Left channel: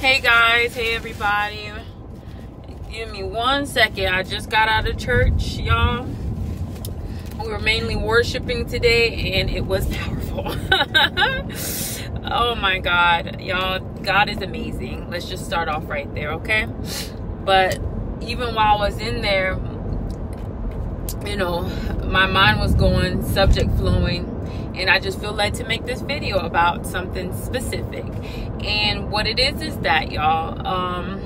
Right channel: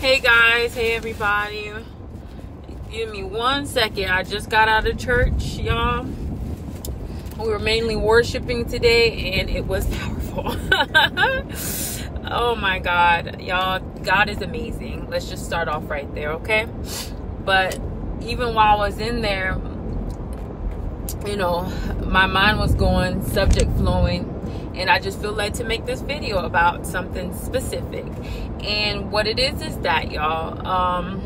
Hey guys, hey everybody. Give me 1 second. I just got out of church, y'all. We were mainly worshiping today and it was powerful. Oh my God, y'all, God is amazing. Let's just start off right there, okay? But even while I was in there, you know, my mind was going, subject flowing. And I just feel like to make this video about something specific. And what it is that, y'all,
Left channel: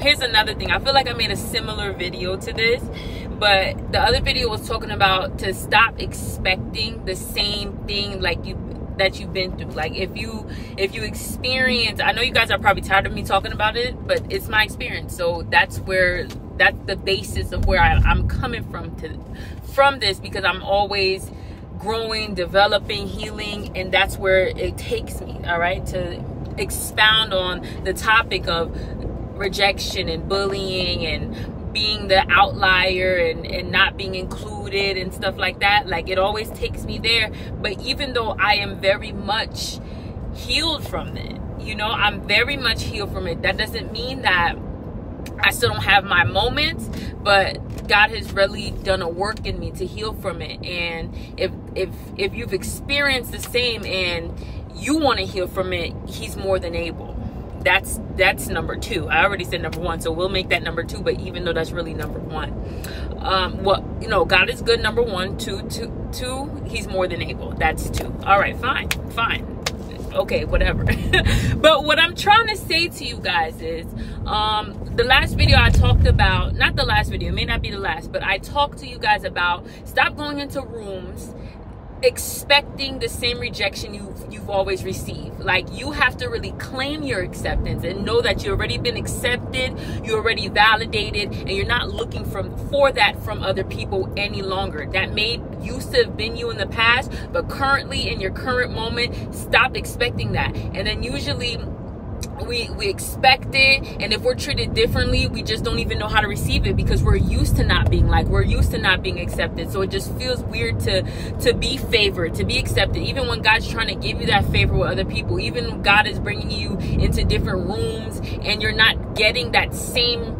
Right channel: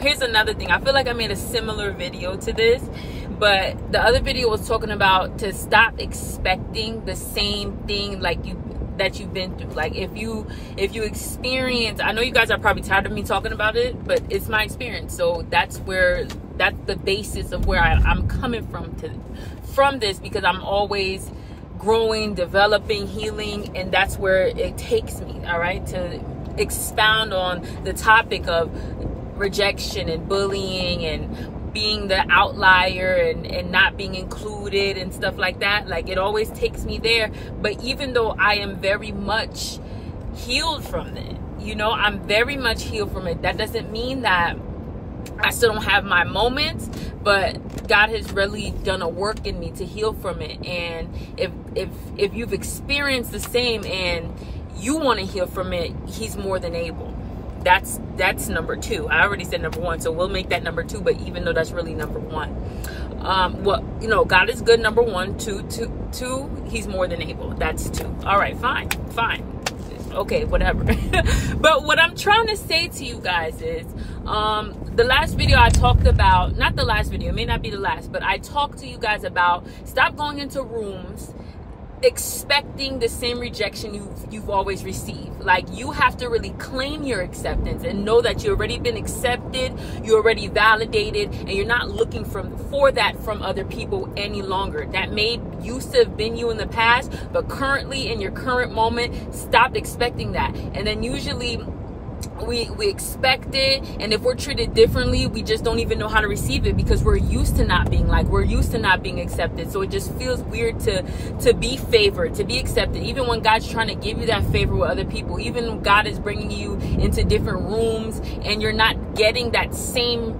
here's another thing. I feel like I made a similar video to this, but the other video was talking about to stop expecting the same thing that you've been through. Like if you experience, I know you guys are probably tired of me talking about it, but it's my experience. So that's the basis of where I'm coming from this, because I'm always growing, developing, healing, and that's where it takes me, all right, to expound on the topic of rejection and bullying and being the outlier and not being included and stuff like that. Like, it always takes me there. But even though I am very much healed from it, you know, I'm very much healed from it, that doesn't mean that I still don't have my moments, but God has really done a work in me to heal from it. And if you've experienced the same and you want to heal from it, He's more than able. That's number two. I already said number one, so we'll make that number two, but even though that's really number one. Well, you know, God is good, number one. Two, He's more than able. That's two. All right, fine. Okay, whatever. But what I'm trying to say to you guys is, the last video I talked about, not the last video, it may not be the last, but I talked to you guys about stop going into rooms expecting the same rejection you've always received. Like, you have to really claim your acceptance and know that you've already been accepted, you're already validated, and you're not looking for that from other people any longer. That may used to have been you in the past, but currently, in your current moment, stop expecting that. And then usually we expect it, and if we're treated differently, we just don't even know how to receive it, because we're used to not being liked, we're used to not being accepted. So it just feels weird to be favored, to be accepted, even when God's trying to give you that favor with other people. Even when God is bringing you into different rooms and you're not getting that same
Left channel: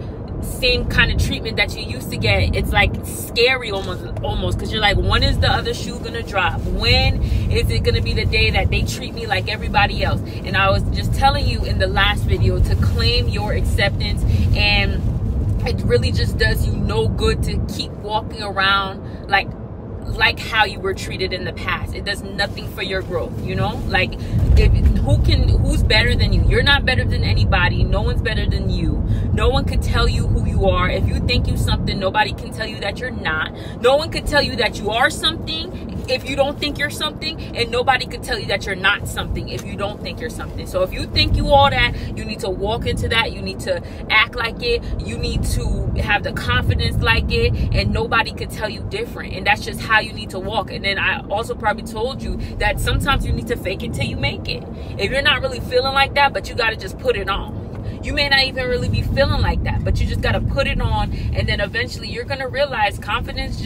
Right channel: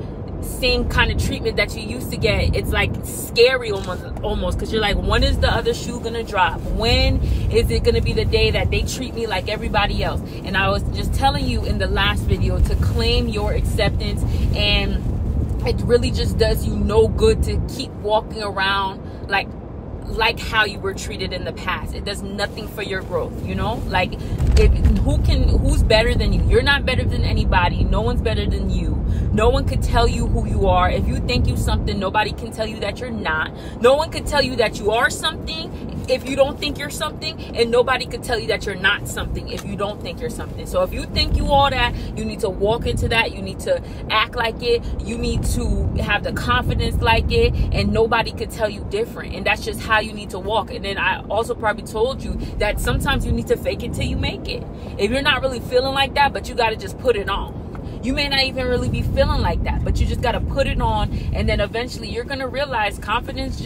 kind of treatment that you used to get, it's like scary almost, because you're like, when is the other shoe gonna drop? When is it gonna be the day that they treat me like everybody else? And I was just telling you in the last video to claim your acceptance, and it really just does you no good to keep walking around like how you were treated in the past. It does nothing for your growth, you know? Like, who's better than you? You're not better than anybody. No one's better than you. No one could tell you who you are. If you think you something, nobody can tell you that you're not. No one could tell you that you are something if you don't think you're something, and nobody could tell you that you're not something if you don't think you're something. So if you think you all that, you need to walk into that. You need to act like it. You need to have the confidence like it, and nobody could tell you different. And that's just how you need to walk. And then I also probably told you that sometimes you need to fake it till you make it. If you're not really feeling like that, but you got to just put it on. You may not even really be feeling like that, but you just got to put it on, and then eventually you're going to realize confidence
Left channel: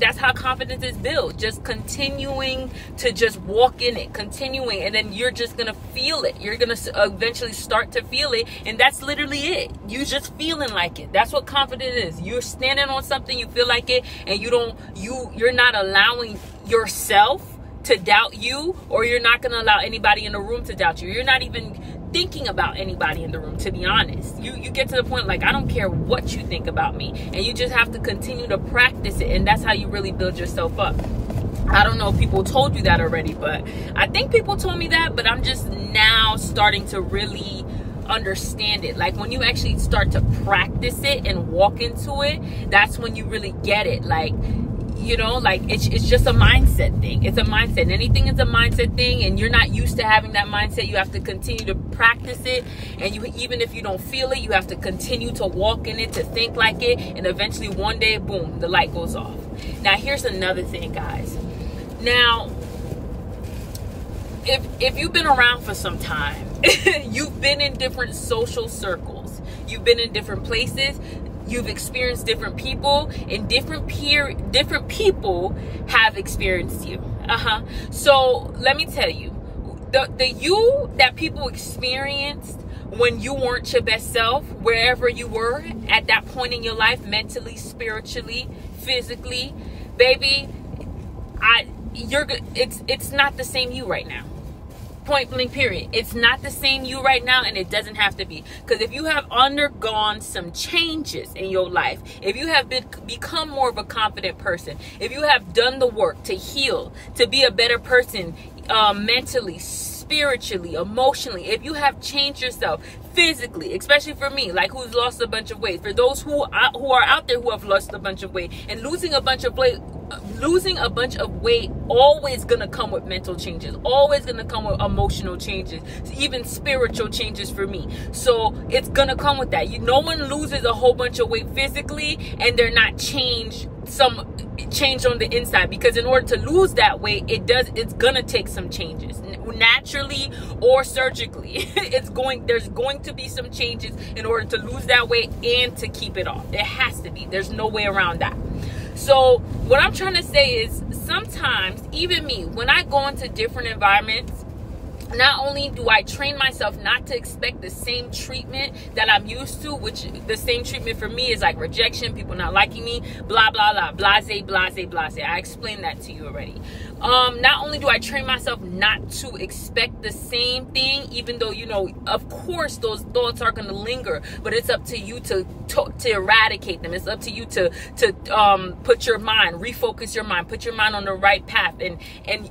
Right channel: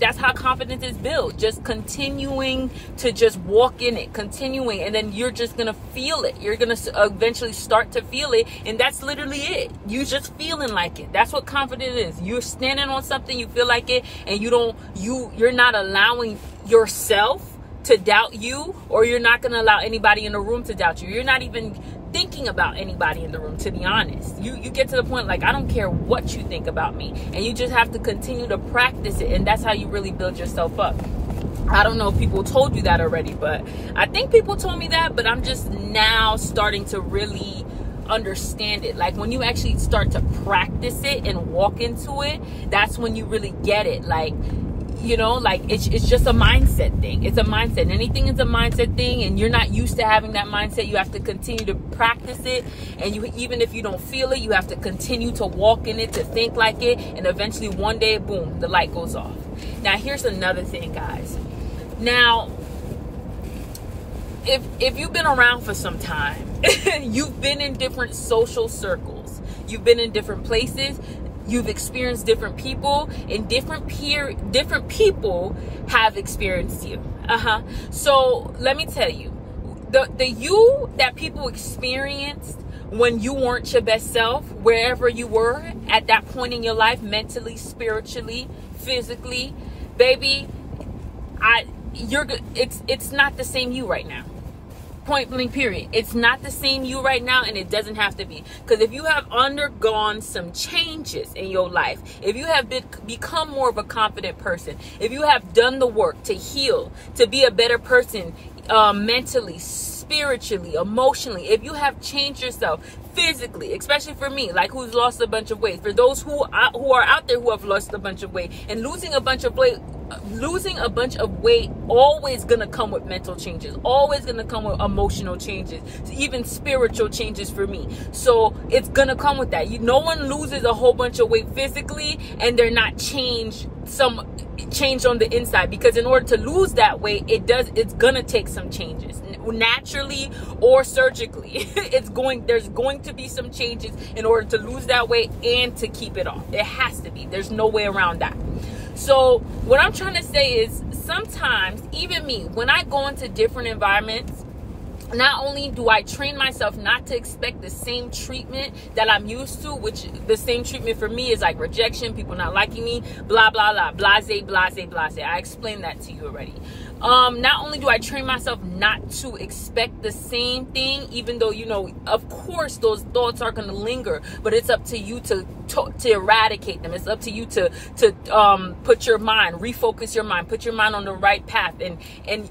that's how confidence is built. Just continuing to just walk in it, continuing, and then you're just going to feel it. You're going to eventually start to feel it, and that's literally it. You just feeling like it. That's what confidence is. You're standing on something, you feel like it, and you're not allowing yourself to doubt you, or you're not going to allow anybody in the room to doubt you. You're not even thinking about anybody in the room, to be honest. You get to the point like, I don't care what you think about me, and you just have to continue to practice it, and that's how you really build yourself up. I don't know if people told you that already, but I think people told me that, but I'm just now starting to really understand it. Like, when you actually start to practice it and walk into it, that's when you really get it. Like, you know, like it's just a mindset thing. It's a mindset. Anything is a mindset thing, and you're not used to having that mindset. You have to continue to practice it, and even if you don't feel it, you have to continue to walk in it, to think like it, and eventually one day, boom, the light goes off. Now, here's another thing, guys. Now, if you've been around for some time, you've been in different social circles, you've been in different places, you've experienced different people, and different people have experienced you. So let me tell you, the you that people experienced when you weren't your best self, wherever you were at that point in your life, mentally, spiritually, physically, baby, it's not the same you right now. Point blank, period. It's not the same you right now, and it doesn't have to be. Because if you have undergone some changes in your life, if you have become more of a confident person, if you have done the work to heal, to be a better person, mentally, spiritually, emotionally, if you have changed yourself physically, especially for me, like who's lost a bunch of weight, for those who are out there who have lost a bunch of weight, and losing a bunch of weight always gonna come with mental changes, always gonna come with emotional changes, even spiritual changes for me. So it's gonna come with that. No one loses a whole bunch of weight physically and they're not change on the inside, because in order to lose that weight, it's gonna take some changes, naturally or surgically. There's going to be some changes in order to lose that weight and to keep it off. It has to be. There's no way around that. So what I'm trying to say is, sometimes, even me, when I go into different environments, not only do I train myself not to expect the same treatment that I'm used to, which the same treatment for me is like rejection, people not liking me, blah, blah, blah, blase, blase, blase. I explained that to you already. Not only do I train myself not to expect the same thing, even though, of course, those thoughts are going to linger, but it's up to you to eradicate them. It's up to you to refocus your mind, put your mind on the right path, and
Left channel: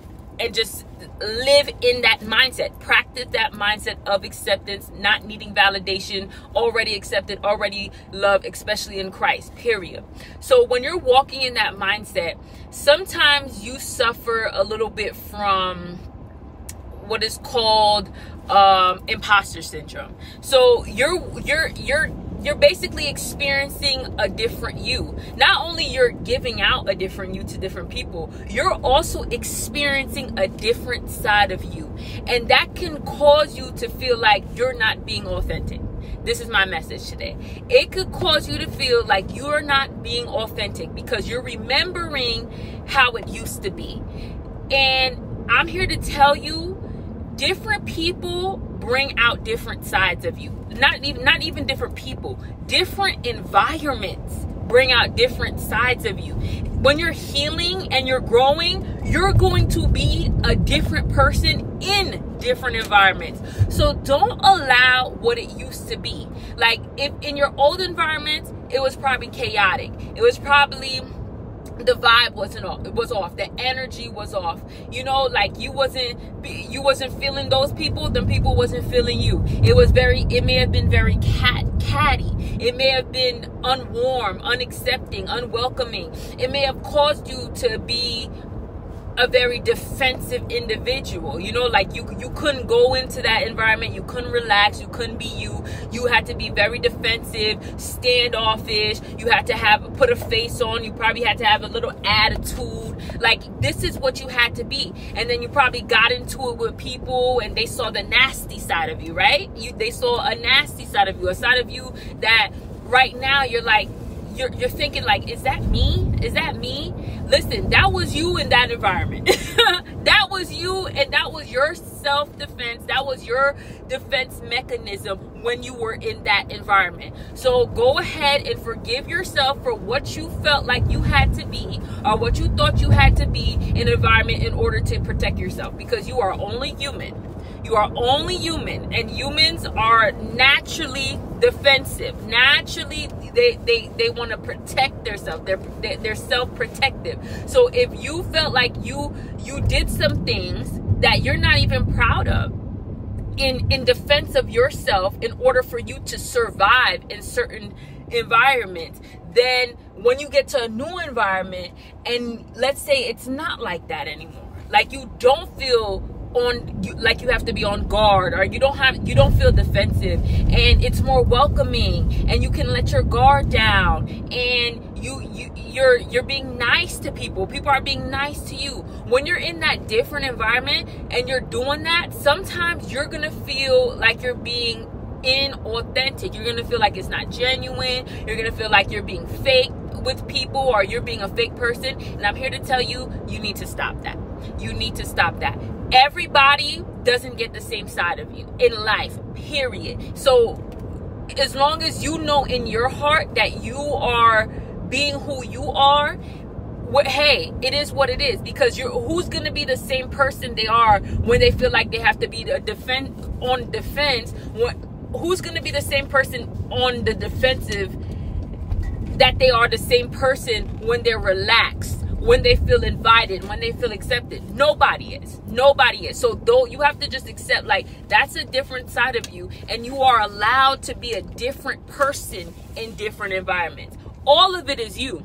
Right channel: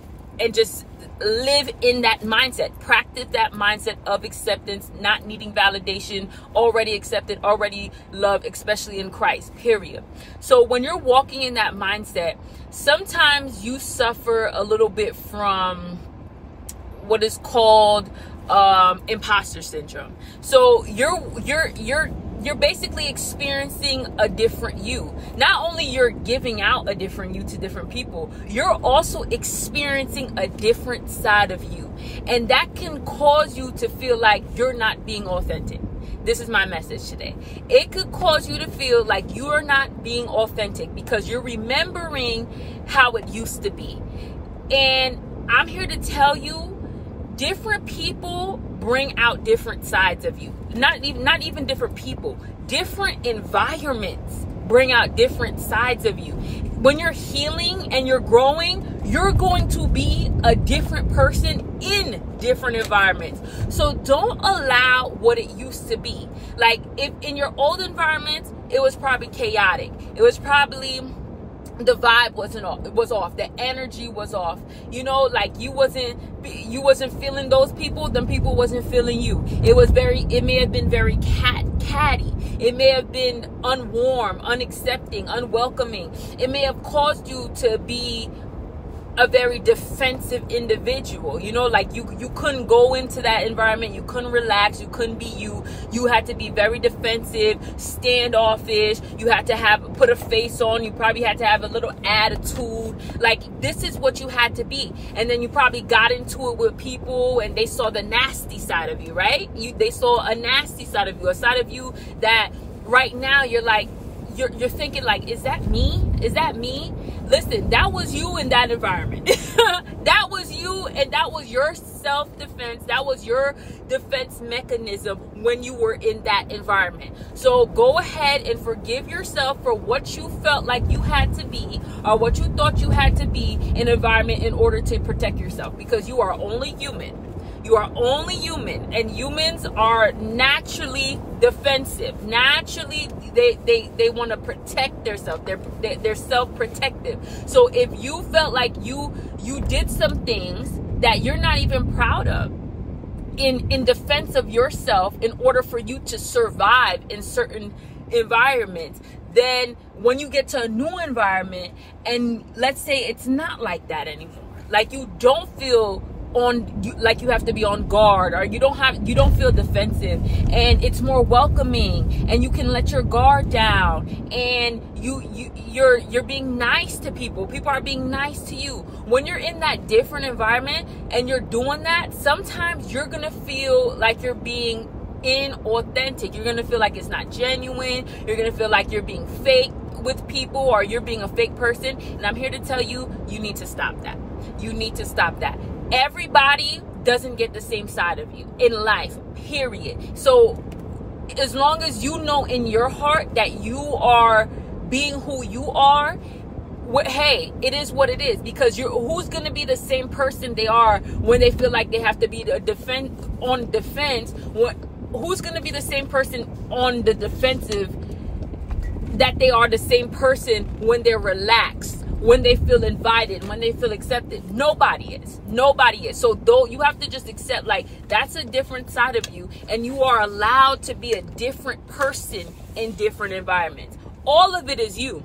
just live in that mindset. Practice that mindset of acceptance, not needing validation, already accepted, already loved, especially in Christ, period. So when you're walking in that mindset, sometimes you suffer a little bit from what is called imposter syndrome. So you're basically experiencing a different you. Not only you're giving out a different you to different people, you're also experiencing a different side of you. And that can cause you to feel like you're not being authentic. This is my message today. It could cause you to feel like you are not being authentic because you're remembering how it used to be. And I'm here to tell you, different people bring out different sides of you. Not even different people. Different environments bring out different sides of you. When you're healing and you're growing, you're going to be a different person in different environments. So don't allow what it used to be. Like, if in your old environments, it was probably chaotic. It was probably the vibe was off, the energy was off, like you wasn't feeling those people, them people wasn't feeling you. It may have been very catty, it may have been unwarm, unaccepting, unwelcoming. It may have caused you to be a very defensive individual, like you couldn't go into that environment, you couldn't relax, you couldn't be you had to be very defensive, standoffish, you had to put a face on, you probably had to have a little attitude, like this is what you had to be. And then you probably got into it with people and they saw the nasty side of you, right? They saw a nasty side of you, a side of you that right now you're like, you're thinking like, is that me? Is that me? Listen, that was you in that environment. That was you, and that was your self-defense. That was your defense mechanism when you were in that environment. So go ahead and forgive yourself for what you felt like you had to be, or what you thought you had to be in an environment in order to protect yourself, because you are only human. You are only human, and humans are naturally defensive. Naturally, they want to protect themselves. They're self-protective. So if you felt like you did some things that you're not even proud of in defense of yourself in order for you to survive in certain environments, then when you get to a new environment and let's say it's not like that anymore, like you don't feel like you have to be on guard, or you don't feel defensive, and it's more welcoming, and you can let your guard down, and you're being nice to people are being nice to you. When you're in that different environment and you're doing that, sometimes you're gonna feel like you're being inauthentic. You're gonna feel like it's not genuine. You're gonna feel like you're being fake with people, or you're being a fake person. And I'm here to tell you, you need to stop that. You need to stop that. Everybody doesn't get the same side of you in life, period. So as long as you know in your heart that you are being who you are, hey, it is what it is. Because who's going to be the same person they are when they feel like they have to be on defense? Who's going to be the same person on the defensive that they are the same person when they're relaxed, when they feel invited, when they feel accepted? Nobody is. So though, you have to just accept, like, that's a different side of you, and you are allowed to be a different person in different environments. All of it is you.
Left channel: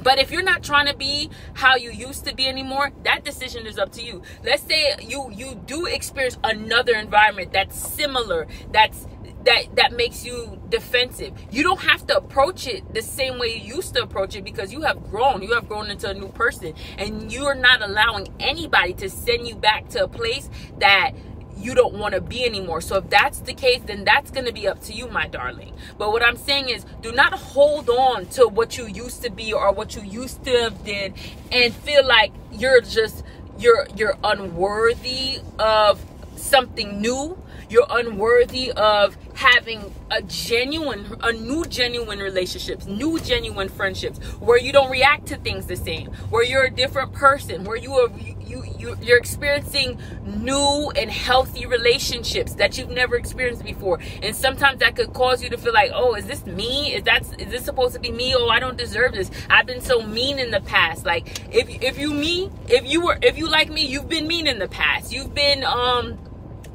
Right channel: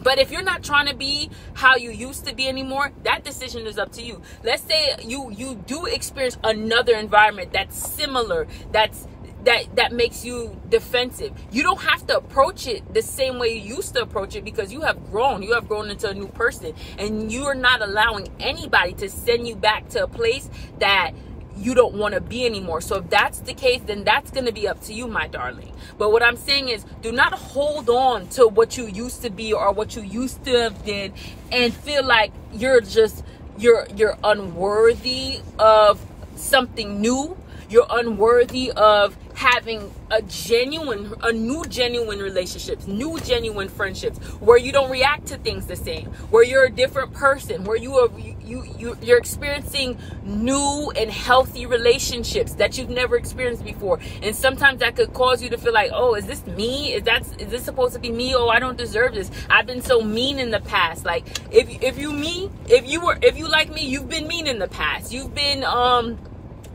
But if you're not trying to be how you used to be anymore, that decision is up to you. Let's say you do experience another environment that's similar, that makes you defensive. You don't have to approach it the same way you used to approach it, because you have grown into a new person, and you're not allowing anybody to send you back to a place that you don't want to be anymore. So if that's the case, then that's going to be up to you, my darling. But what I'm saying is, do not hold on to what you used to be or what you used to have did and feel like you're unworthy of something new. You're unworthy of having new genuine relationships, new genuine friendships, where you don't react to things the same, where you're a different person, where you're experiencing new and healthy relationships that you've never experienced before. And sometimes that could cause you to feel like, oh, is this me? Is this supposed to be me? Oh, I don't deserve this. I've been so mean in the past. Like, if you like me, you've been mean in the past. You've been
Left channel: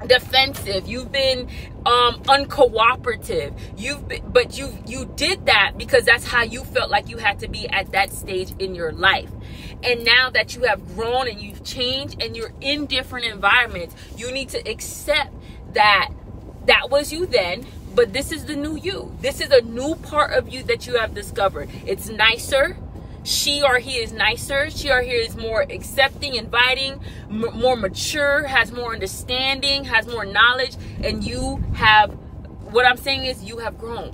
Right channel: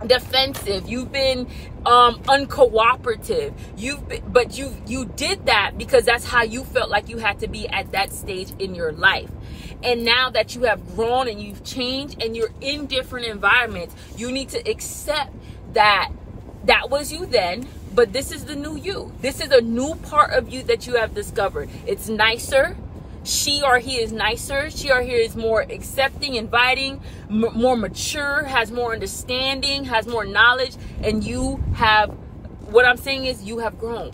defensive, you've been uncooperative, but you did that because that's how you felt like you had to be at that stage in your life. And now that you have grown and you've changed and you're in different environments, you need to accept that was you then, but this is the new you. This is a new part of you that you have discovered. It's nicer. She or he is nicer. She or he is more accepting, inviting, more mature, has more understanding, has more knowledge. And what I'm saying is, you have grown.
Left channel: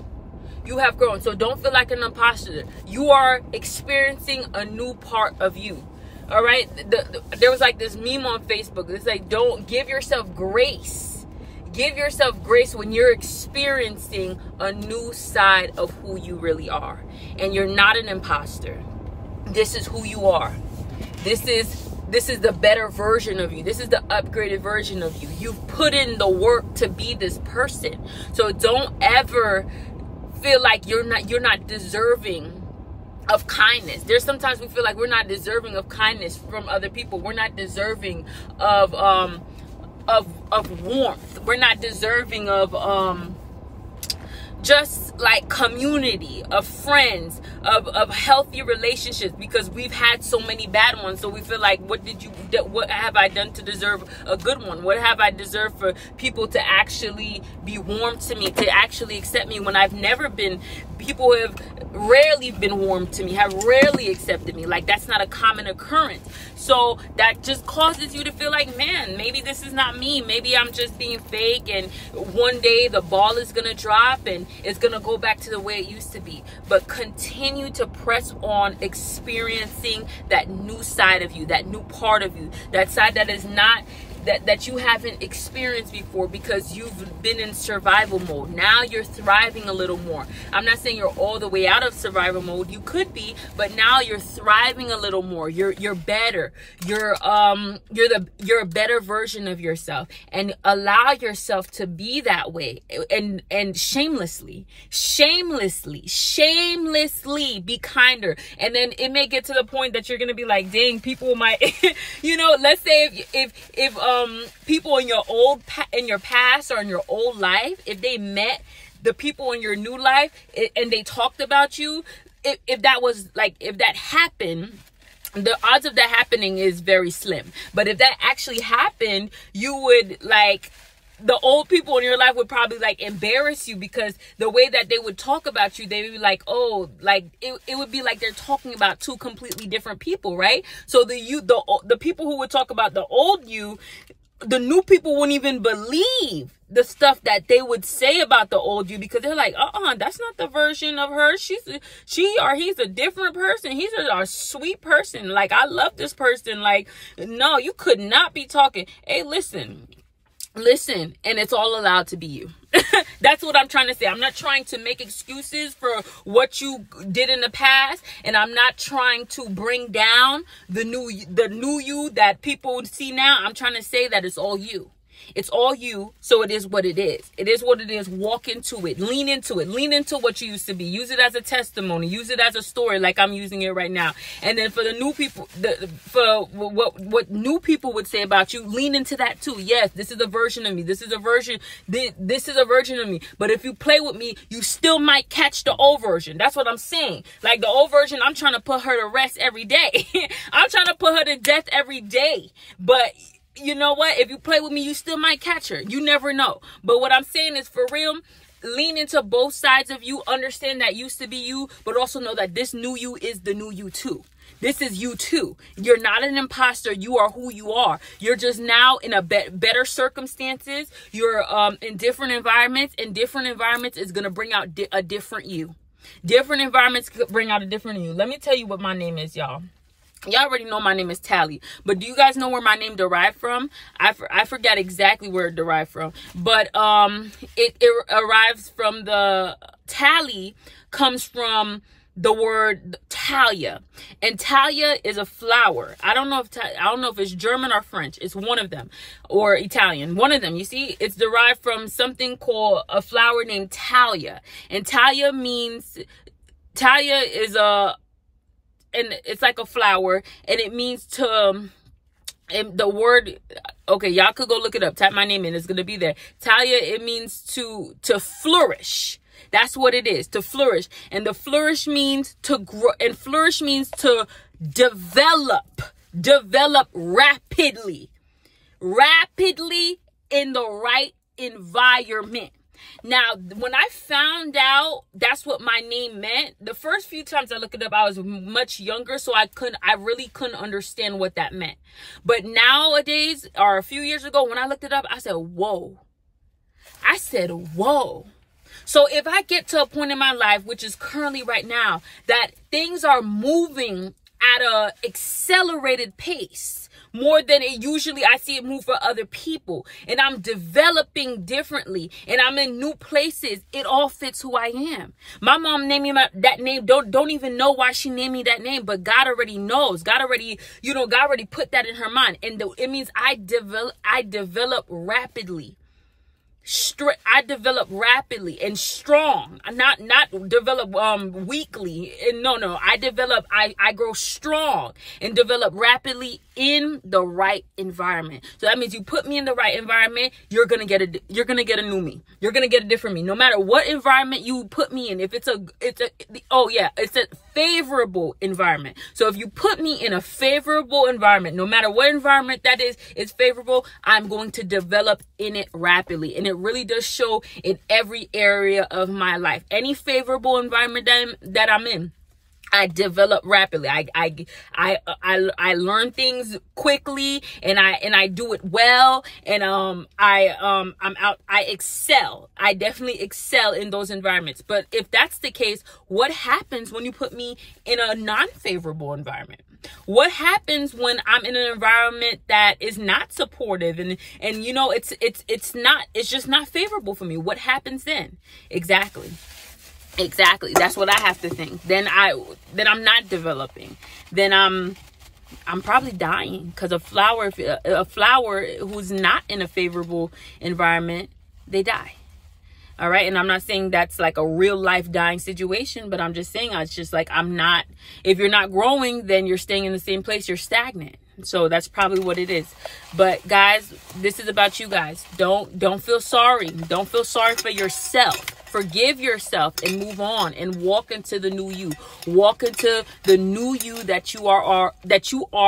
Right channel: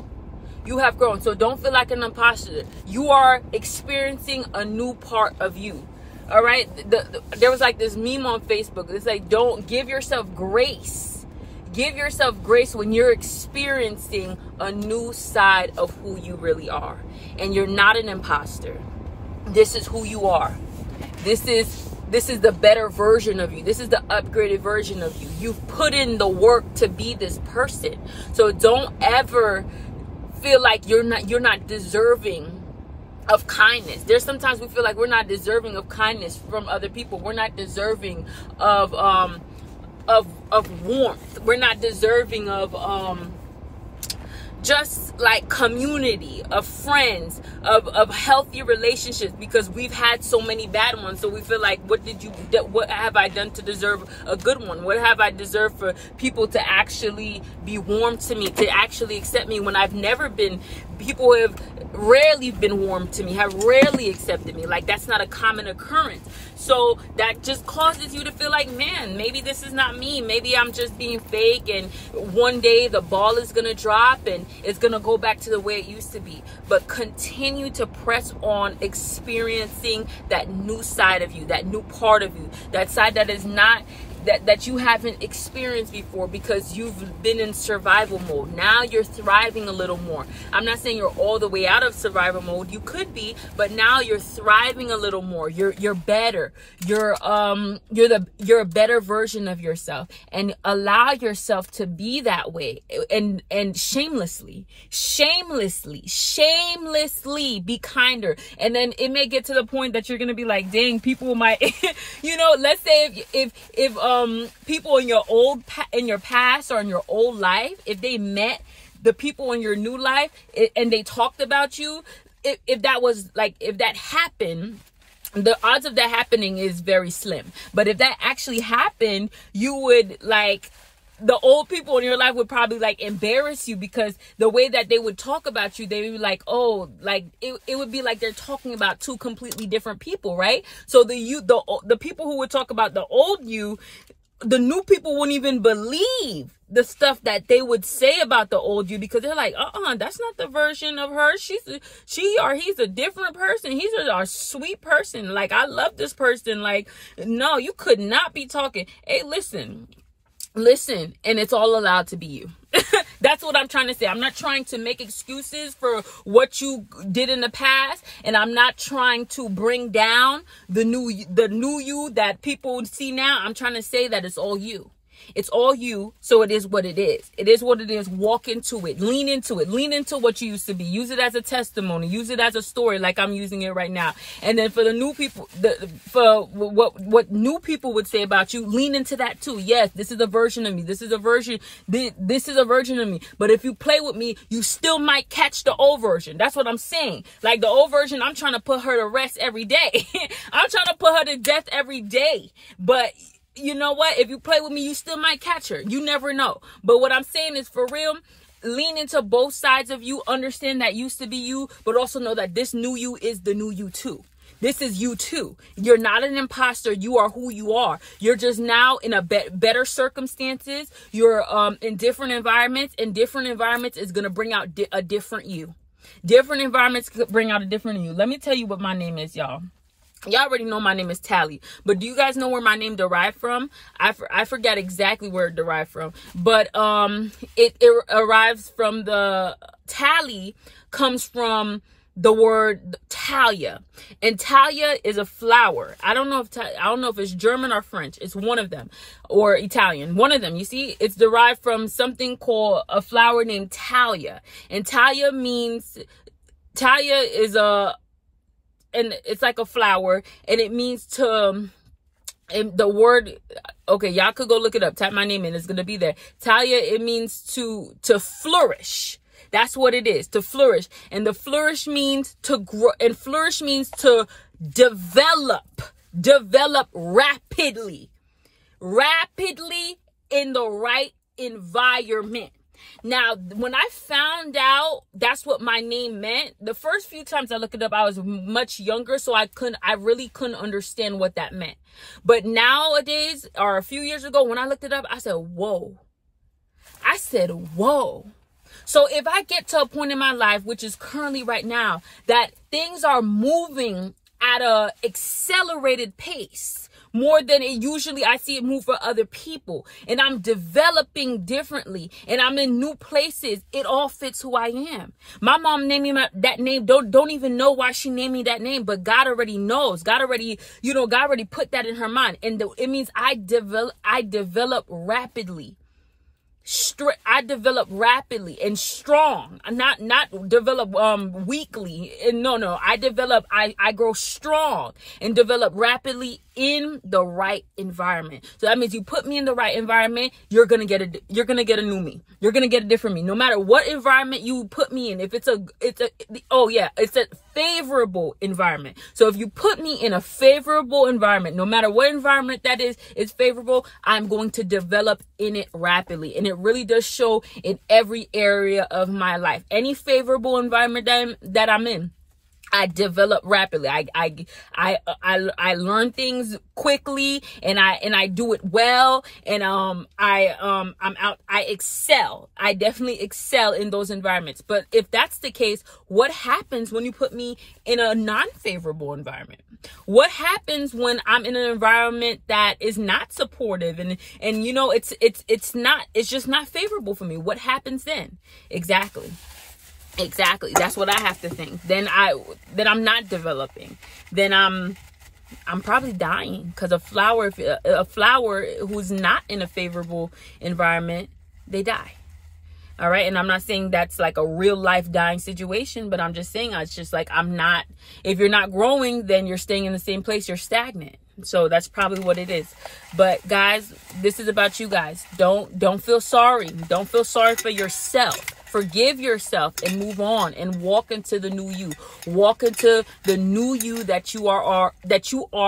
You have grown. So don't feel like an imposter. You are experiencing a new part of you. All right. There was like this meme on Facebook. It's like, don't give yourself grace. Give yourself grace when you're experiencing a new side of who you really are. And you're not an imposter. This is who you are. This is the better version of you. This is the upgraded version of you. You've put in the work to be this person. So don't ever feel like you're not deserving of kindness. There's sometimes we feel like we're not deserving of kindness from other people. We're not deserving of warmth. We're not deserving of just like community, of friends, of healthy relationships, because we've had so many bad ones. So we feel like, what have I done to deserve a good one? What have I deserved for people to actually be warm to me, to actually accept me when I've never been? People have rarely been warm to me, have rarely accepted me. Like, that's not a common occurrence. So that just causes you to feel like, man, maybe this is not me. Maybe I'm just being fake, and one day the ball is going to drop and it's going to go back to the way it used to be. But continue to press on experiencing that new side of you, that new part of you, that side that is not that you haven't experienced before, because you've been in survival mode. Now you're thriving a little more. I'm not saying you're all the way out of survival mode. You could be, but now you're thriving a little more. You're better. You're a better version of yourself, and allow yourself to be that way, and shamelessly be kinder. And then it may get to the point that you're gonna be like, dang, people might let's say if people in your past or in your old life, if they met the people in your new life and they talked about you, if that happened, the odds of that happening is very slim. But if that actually happened, you would the old people in your life would probably embarrass you, because the way that they would talk about you, they would be like, oh, it would be like they're talking about two completely different people, right? So the people who would talk about the old you, the new people wouldn't even believe the stuff that they would say about the old you, because they're like, that's not the version of her. He's a different person. He's a sweet person. I love this person. No, you could not be talking. Hey, listen, Listen, and it's all allowed to be you. That's what I'm trying to say. I'm not trying to make excuses for what you did in the past, and I'm not trying to bring down the new you that people see now. I'm trying to say that it's all you. It's all you, so it is what it is. It is what it is. Walk into it. Lean into it. Lean into what you used to be. Use it as a testimony. Use it as a story like I'm using it right now. And then for the new people, for what new people would say about you, lean into that too. Yes, this is a version of me. This is a version of me. But if you play with me, you still might catch the old version. That's what I'm saying. Like the old version, I'm trying to put her to rest every day. I'm trying to put her to death every day. But you know what? If you play with me, you still might catch her. You never know. But what I'm saying is, for real, lean into both sides of you. Understand that used to be you, but also know that this new you is the new you too. This is you too. You're not an imposter. You are who you are. You're just now in a better circumstances. You're in different environments, and different environments is going to bring out a different you. Different environments could bring out a different you. Let me tell you what my name is, y'all. Y'all already know my name is Tally, but do you guys know where my name derived from? I forgot exactly where it derived from, but it arrives from the Tally comes from the word Talia, and Talia is a flower. I don't know if it's German or French. It's one of them, or Italian. One of them. You see, it's derived from something called a flower named Talia, and Talia is and it's like a flower, and it means to, and the word, okay, y'all could go look it up. Type my name in. It's going to be there. Talia, it means to flourish. That's what it is, to flourish. And the flourish means to grow, and flourish means to develop rapidly in the right environment. Now, when I found out that's what my name meant, the first few times I looked it up, I was much younger, so I really couldn't understand what that meant. But nowadays, or a few years ago, when I looked it up, I said, whoa. So if I get to a point in my life, which is currently right now, that things are moving at a accelerated pace, more than it usually I see it move for other people, and I'm developing differently, and I'm in new places, it all fits who I am. My mom named me that name. Don't even know why she named me that name, but God already knows. God already put that in her mind, and it means I develop rapidly. I develop rapidly and strong, not develop weakly. And no, I grow strong and develop rapidly in the right environment. So that means you put me in the right environment, you're gonna get a new me. You're gonna get a different me. No matter what environment you put me in, if it's a favorable environment. So if you put me in a favorable environment, no matter what environment that is favorable, I'm going to develop in it rapidly. And it really does show in every area of my life. Any favorable environment that I'm in, I develop rapidly. I learn things quickly, and I do it well, and I excel. I definitely excel in those environments. But if that's the case, what happens when you put me in a non-favorable environment? What happens when I'm in an environment that is not supportive and it's just not favorable for me? What happens then? Exactly. That's what I have to think. Then I'm not developing. Then I'm probably dying, because a flower who's not in a favorable environment, they die. All right. And I'm not saying that's like a real life dying situation, but I'm just saying, it's just like, if you're not growing, then you're staying in the same place. You're stagnant. So that's probably what it is. But guys, this is about you guys. Don't feel sorry. Don't feel sorry for yourself. Forgive yourself and move on and walk into the new you. Walk into the new you that you are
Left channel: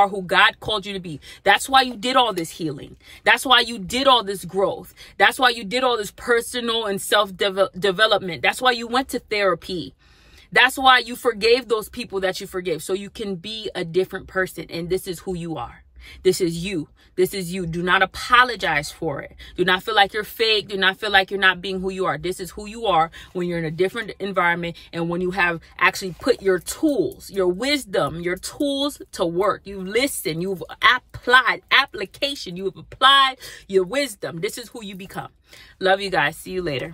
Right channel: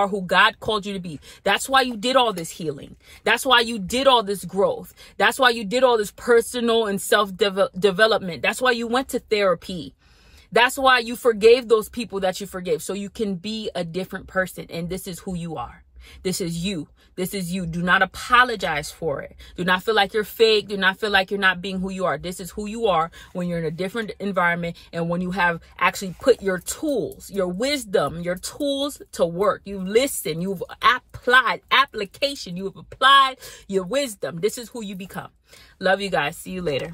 who God called you to be. That's why you did all this healing. That's why you did all this growth. That's why you did all this personal and self-development. That's why you went to therapy. That's why you forgave those people that you forgave, so you can be a different person. And this is who you are. This is you. This is you. Do not apologize for it. Do not feel like you're fake. Do not feel like you're not being who you are. This is who you are when you're in a different environment and when you have actually put your tools, your wisdom, your tools to work. You've listened. You've applied application. You have applied your wisdom. This is who you become. Love you guys. See you later.